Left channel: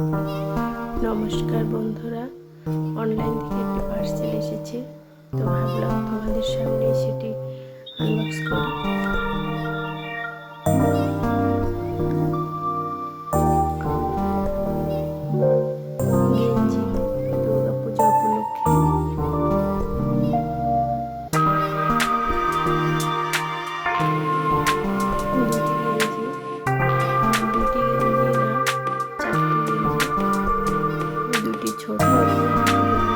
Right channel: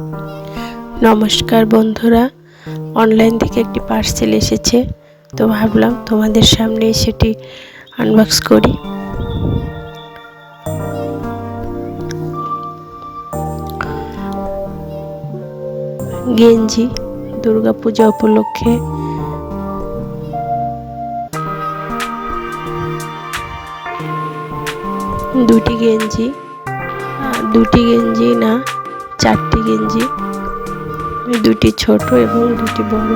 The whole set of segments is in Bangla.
নমস্কার বন্ধুরা, অনলাইন থেকে একটি পার্সেল এসেছে, তো ভাবলাম তোমাদের সামনে সেটি আনবক্স করি। গেঞ্জি দুর্গাপূজা উপলক্ষে দুটি গেঞ্জি না, চারটি গেঞ্জি, দুটি ছোট এবং দুটি বড়।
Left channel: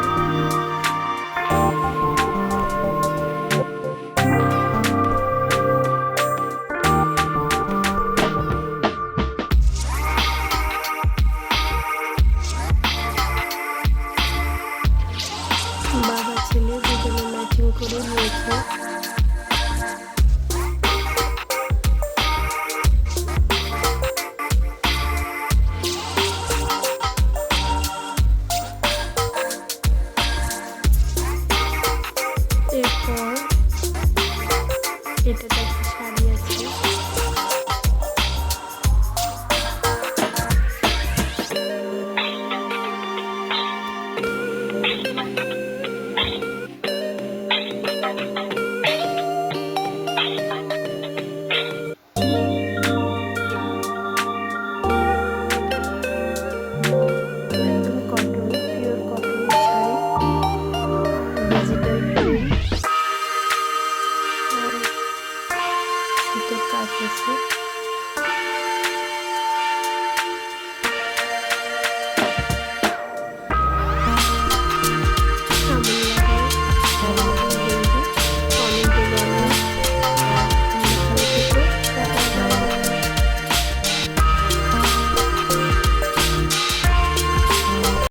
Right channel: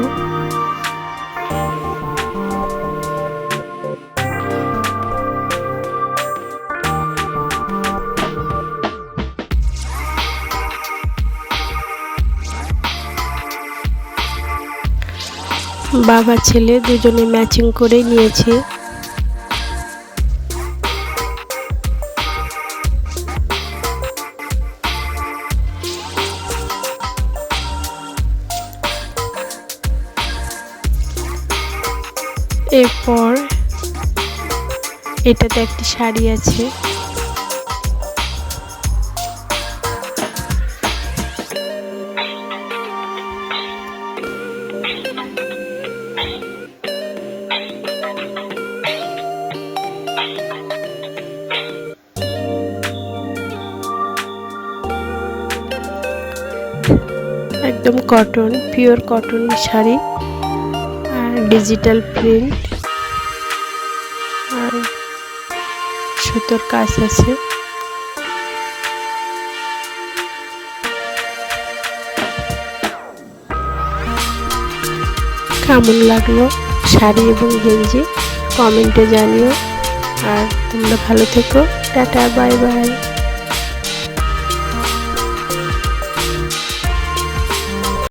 বাবা ছেলে দুজনে ম্যাচিং করে নিয়েছে। এরপর এটাতে একটি শাড়ি আছে। একদম cotton, pure cotton sari, digital print আর সুতোর কাজ আছে। কেমন লাগলো শাড়ি এবং গেঞ্জি কমেন্টে জানিও। আর তোমরা ভালো থেকো। Tata, bye bye.